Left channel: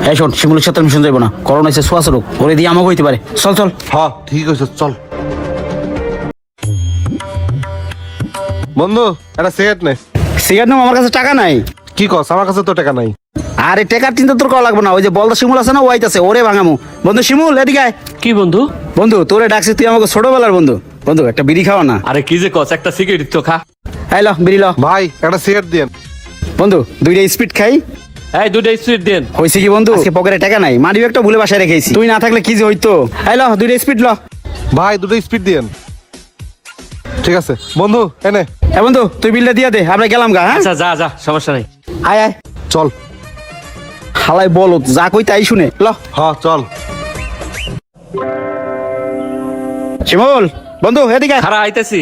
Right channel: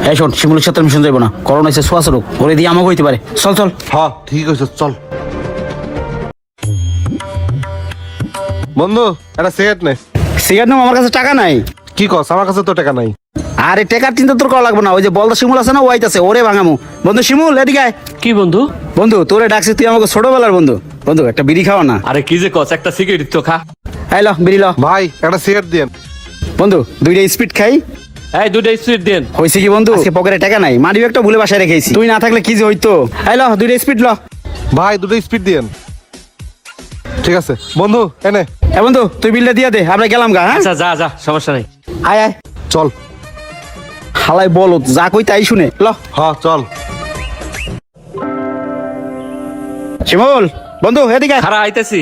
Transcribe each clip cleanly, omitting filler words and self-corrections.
হ্যাঁ শোন, শিমুলের সাথে মিশন যাবে না, করোনা এসে ছোঁয়াছ রোগ, ওরে দিয়ে আমাকে হইতে পারে। চল চল। হ্যাঁ ঠিক আছে চল। বন্ধু একটা সিগারেট নে। সিগারেট নাম, আমার কাছে টাকা নাই। কি কস, আমার কাছে তো টাকা নাই। আরে টাকার চিন্তা তোর করা লাগবে না, ওই যে বলদা শিমুল আছে না, ও আইতাছে, ওরে ভাঙামু। বন্ধু শিমুল এদিকে আয়। কি বন্ধু? বন্ধু তোরে ডাকছি, তুই আমাকে ছোটবেলার বন্ধু। বন্ধু একটা বিড়ি খাও না। আরে কি যে কস, একটা সিগারেট তো খা। আই ল বিড়ি ল। ভাই একটা সিগারেট দিয়েন। বন্ধু দুইটা স্পিড খাই। এই দুটো সুইট দেন। হইছে কি বন্ধু, আজকে পকেটে টাকা নাই, মানি ব্যাগটা ভুলে বাসায় রেখেছি, তুই না থাকলে কি যে হইতো। আই ল দুইটা স্পিড ল। ভাই দুটো স্পিড দিয়েন। ঠিক আছে বন্ধু এনে। এ বন্ধু তুই বিলটা দিয়ে দে, আমরা গেলাম গা। হ্যাঁ আচ্ছা যা যা, সমস্যা নেই। আয় আয়। চল। হালাই বলো যা কই তাই শুনে ল। হ্যাঁ চল। শিমুল বন্ধু এদিকে আয়। খারা আইতাছি।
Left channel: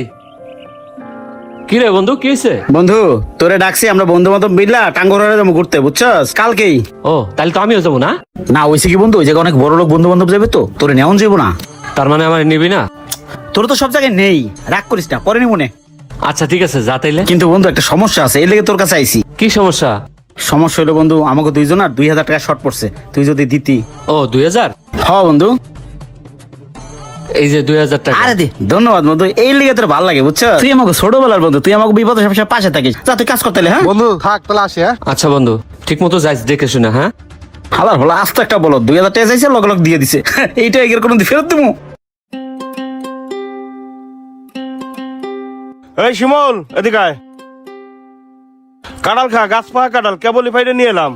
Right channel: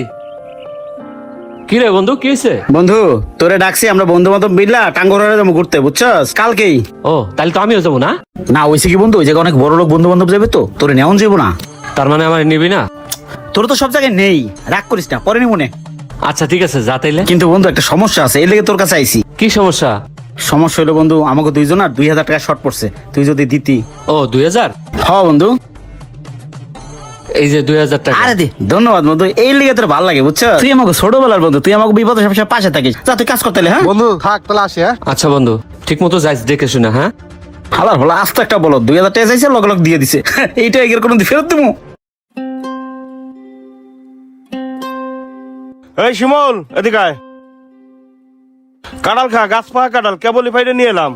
কি রে বন্ধু, কি হইছে? বন্ধু তোরে ডাকছি, আমরা বন্ধু বান্ধব মিললা টাঙ্গরে যাবো ঘুরতে, বুঝছস? কালকেই। ও তাহলে তো আমিও যাবো না। না হইছে কি বন্ধু, ওই যে অনেক বড় লোক বন্ধু বান্ধব যাবে তো, তোরে নেমন যাবো না। তার মানে আমার নেবে না? তোর তো সব জায়গায় নেই, রাগ করিস না, পরে নিব নে। আচ্ছা ঠিক আছে, যা তাইলে। কিন্তু বন্ধু একটা সমস্যা আছে, এই লেগে তোর কাছে আইছি। কি সমস্যা? সমস্যা হলো বন্ধু, আমাকে দুইজনের 2000 টাকা শর্ট পড়ছে, তুই যদি দিতি। ও 2000? হ্যাঁ বন্ধু। এই যে 2000 টাকা। আরে দে, ধন্যবাদ বন্ধু, এই লেগে তোর ভালো লাগে, বুঝছো? তুই আমাকে ছোটবেলার বন্ধু, তুই আমাকে বিপদে সবসময় পাশে থাকিস। যা তুই কাজ করতে হলে। হ্যাঁ বন্ধু থাক তাহলে আসি। হ্যাঁ আচ্ছা বন্ধু, ঠিক মতো যাইস, দেখে শুনে। হ্যাঁ খাবার হলো আস্তে একটা বলো, 2000 টাকা চাইছে, লগে লগে দিয়ে দিছে। এইটা এর কোনো ফেরত দেবো? এই শিমুল এদিকে আয়। কাঁঠাল খা, গাছ পাকা কাঁঠাল, কেবলই ফাইডে নিয়ে এলাম।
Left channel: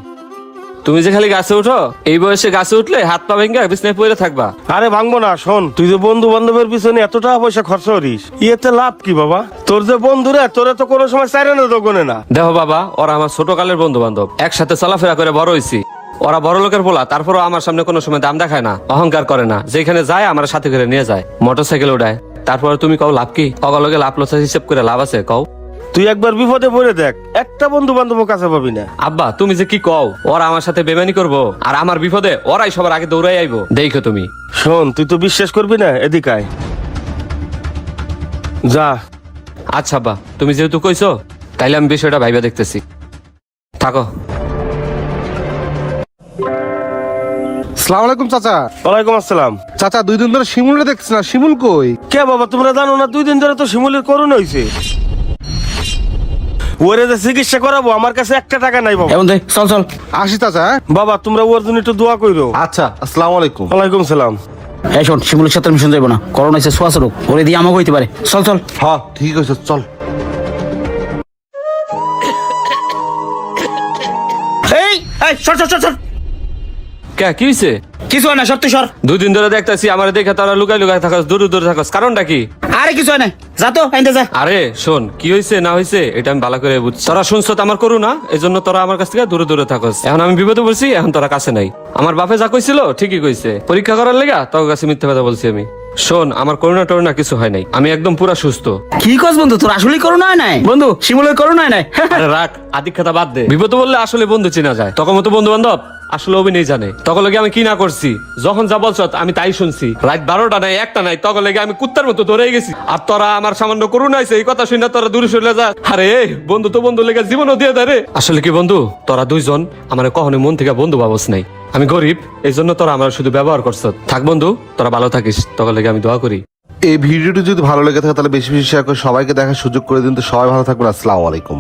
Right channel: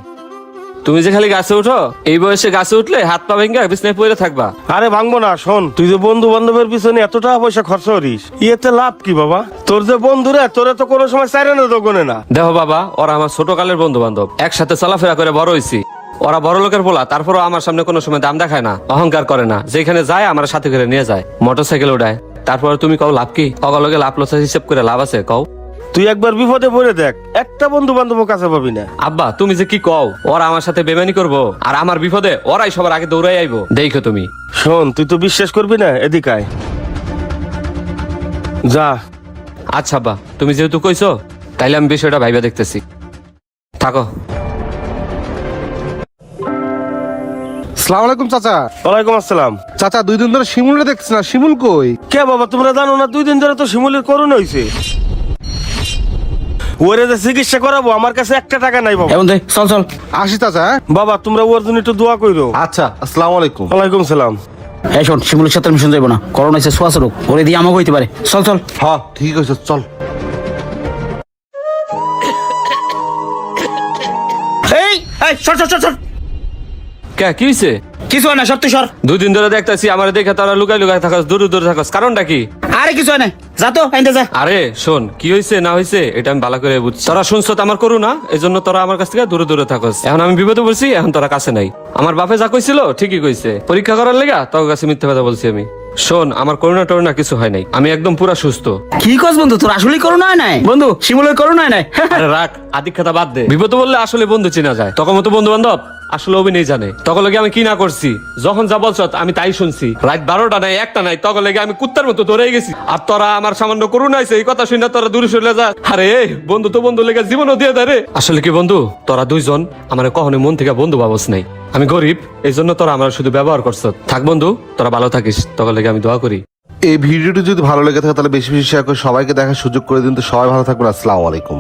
তুমি যে খালি গাছে উঠো, এই বয়সে গাছে উঠলে হাত পা ভেঙে বিছনায় পড়ে থাকবা। আরে ভাঙবো না, শোন তুই যে বন্ধু বান্ধবের পিছনে এত টাকা পয়সা খরচ করিস, ইয়েতে লাভ কি বাবা? তোর যে বন্ধুরা, তোরা তো কোনো সময় চারে নেই তো গুনে না। দেখো বাবা, ওরা আমার ছোটকালের বন্ধু বান্ধব, একসাথে চলাফেরা করে বড় হয়েছি। ওরা বড় লোকের পোলা, তারপরও আমার সামনে কোনো সময় দাম দেখায় না, অহংকার করে না, যেখানে যায় আমার সাথে করে নিয়ে যায়, মোটরসাইকেল উঠায়। তারপরে তুমি কও লাভ কি? অগলগে লাভ লস হিসেব করে লাভ আছে কও? তুই একবার বিপদে পড়ে দেখ, একটা বন্ধু বান্ধব কাছে পাবি না। আব্বা তুমি যে কি কও, ওরা আমার সাথে বেমানি করবো, আর আমার বিপদে ওরাই সবার আগে দৌড়াই আইবো, দেখো তুমি। শোন তুই তো বিশ্বাস করবি না, এদিকে আয়। যা। আচ্ছা আব্বা, তুমি যেহেতু কইছো, তাইলে আমি বিষয়টা ভাইবা দেখতেছি। থাকো। আসসালামু আলাইকুম চাচা। ওয়ালাইকুম আসসালাম। চাচা 2 দিন ধরে শিমুলটা দেখছ না, শিমুল কই? কে বাবা তোমরা জানো না 2 দিন ধরে তো শিমুলের করোনা হইছে। ওরে যে চিকিৎসা করাবো, আমার কাছে 1 টাকা নাই বাবা। এখন চল চল। আসি চাচা। হ্যাঁ বাবা তোমরা ওর জন্য একটু দোয়া কইরো। আচ্ছা আসসালামু আলাইকুম। ওয়ালাইকুম সালাম। এই শোন, শিমুলের সাথে মিশন যাবো না, করোনা এসে ছোঁয়াছ রোগ, ওরে দিয়ে আমাকে হইতে পারে। চল চল। হ্যাঁ ঠিক আছে চল। এই এই সর সর সর সর। কে কি হইছে? কিছু হয় না, সত্যি সর। 2 দিন ধরে দেখতাছি আমার দেখে তারা লুকাই লুকাই থাকাস, দূরে দূরে থাকাস, কারণটা কি? আরে কিছু হয় না, যা তো আইন্দা যা। আরে শোন, কি হইছে না হইছে এটা আমি ভালো করে বুঝছি। তোরা শুনছ তো আমার করু না, এই জন্য তোরা আমার কাছ থেকে দূরে দূরে থাকস। এখন আমি বিপদে পড়ছি, এখন তোরা কাছে নাই। আমার বাপে যা কইছিল ঠিকই কইছে, পরীক্ষা করার লেগা তোর কাছে মিথ্যা কথা বলছি আমি। শোন, আমার করোনা টরোনা কিছু হয় নাই, আমি একদম পুরা সুস্থ। কি কস বন্ধু, তোর আসলেই করোনা হয় নাই? বন্ধু শিমুলের করোনা হয় নাই। আরে রাখ, আদিক কথা বাদ দে। বিপদে বললে আসলে বন্ধু চেনা যায়, তখন মতো বন্ধু বান্ধব আসলে অভিনয় জানে। তখন লগে আমি কি না করছি, যখন যা বলছ আমি তাই শুনছি। রাত 12টা নাই 1টা নাই, তখন লেগে আমি কুত্তার মতো দৌড়ে গেছি। আর তোরা আমার সামান্য করুণা হইছে, এই কথা শুনে তোরা দূরে সরে যা। আরে বন্ধু তো বন্ধু লেগে জীবনও দিয়ে দেয় রে। আসলে কি বন্ধু, তোরা দুইজন আমার কখনো মন থেকে বন্ধু ভাবস নাই। আমি গরিব, এই জন্য তোরা আমার শুধু ব্যবহার করছ। থাক বন্ধু, তোরা ভালো থাকিস, তখন লেগে আমি দোয়া করি। এই ভিডিওটি যদি ভালো লেগে থাকে তাহলে বেশি বেশি শেয়ার করে সবাইকে দেখার সুযোগ করে দিন। তো সবাই ভালো থাকবেন, আসসালামু আলাইকুম।